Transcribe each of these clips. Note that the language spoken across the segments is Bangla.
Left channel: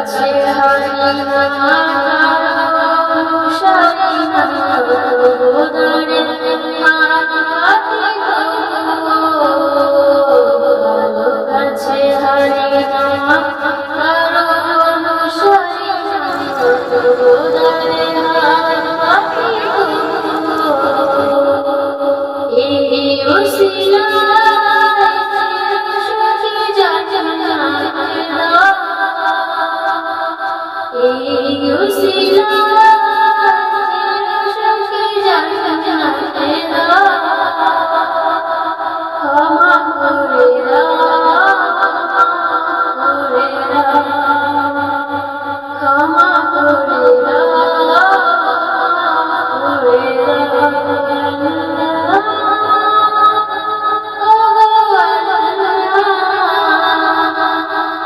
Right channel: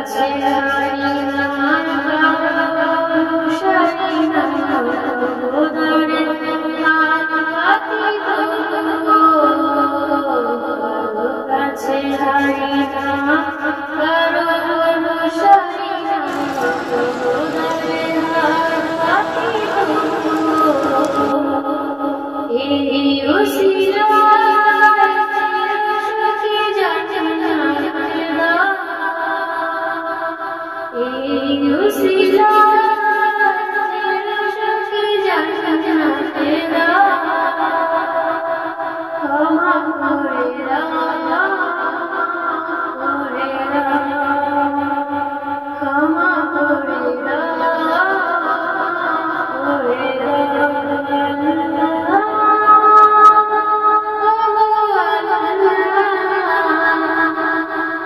te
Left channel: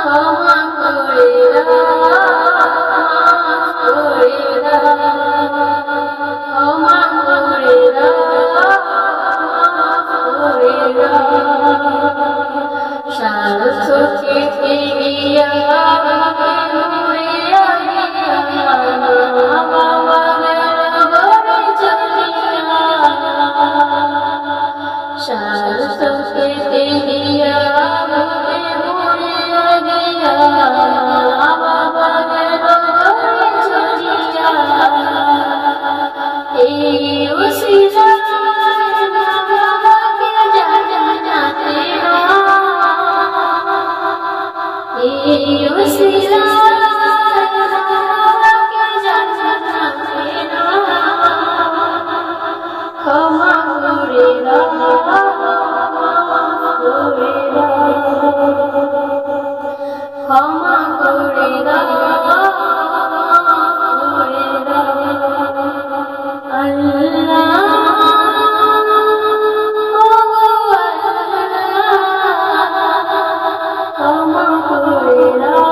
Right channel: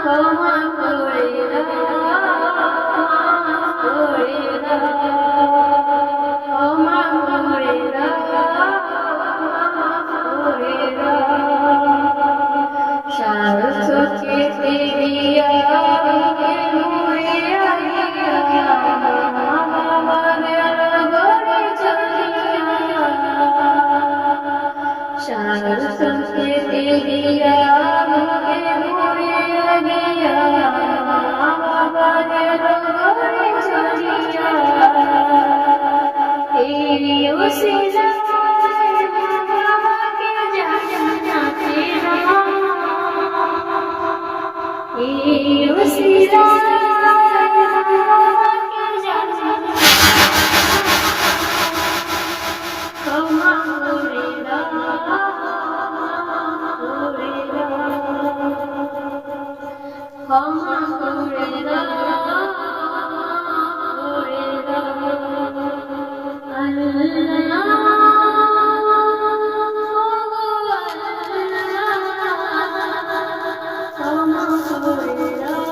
ক্ষমা করে করে ক্ষমা করে করে সারস্বতী দিয়া Shall I still get the I see. Glory,